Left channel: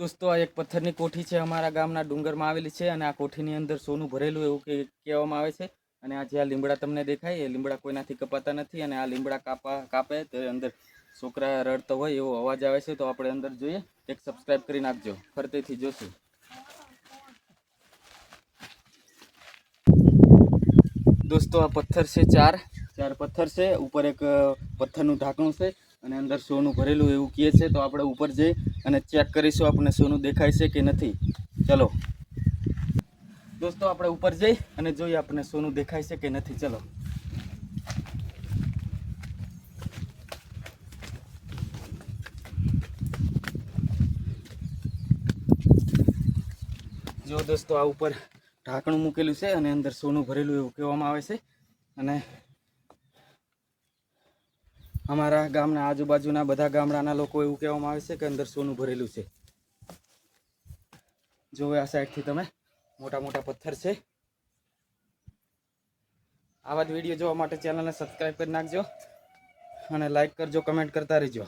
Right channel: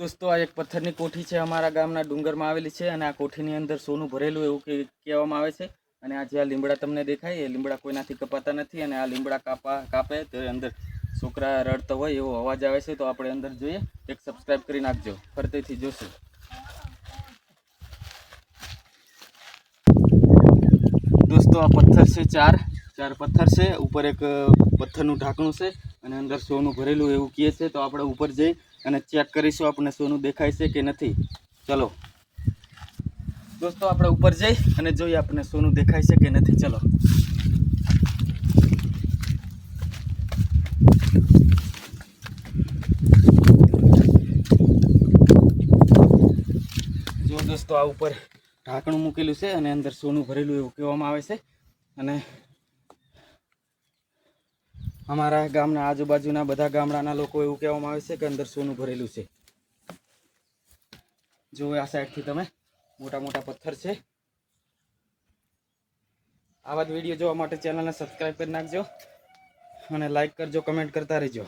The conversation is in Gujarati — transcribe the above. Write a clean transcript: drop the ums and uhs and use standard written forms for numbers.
दोस्तों आ एक पत्थर की कोठी है अमरा गामना डूंगर में आवेली है और आ कोठी अंदर सोनू भरेलू एवं कहेवामां आवे छे। અને આ જે લીમડા તમને દેખાય એ લીમડા કોઈનાથી કપાતા નથી અને આ લીમડા કાપે તો અંદર છોકરા રડતા હોય એવો અવાજ આવે છે। તો આપણે અંદર જોઈએ, એક સબસ્ક્રાઇબ કરી નાખજો, ફરતેથી જોશું। दोस्तों आ पत्थर से चार पत्थर से ऊपर एक पत्थरનું ઢાંકણું છે અને અંદર સોનું ભરેલું એવું કહે છે। તો આપણે ઉપર જઈ અને ચેક કરીશું આપણે સોનું દેખાય છે કે નથી। ચલો दोस्तों આપણે ઉપર જઈ અને જોઈએ આપણે સોનું દેખાય છે કે નથી। ચલો જો दोस्तों आ ઉપર ઢાંકણું મૂકેલું છે અને અંદર સોનું ભરેલું એવું કહેવામાં આવે છે। અને અમારા ગામના આજુબાજુના બધા ગામડાના લોકો એવું કહેવામાં આવે છે કે અંદર સોનું ભરેલું છે। જો આ સાઈડથી તમે મોટા મોટા પથ્થર છે। આવા જ વિડીયો જોવા માટે ચેનલને સબસ્ક્રાઇબ કરી નાખજો અને લાઈક કરજો, કમેન્ટ કરતા રહેજો।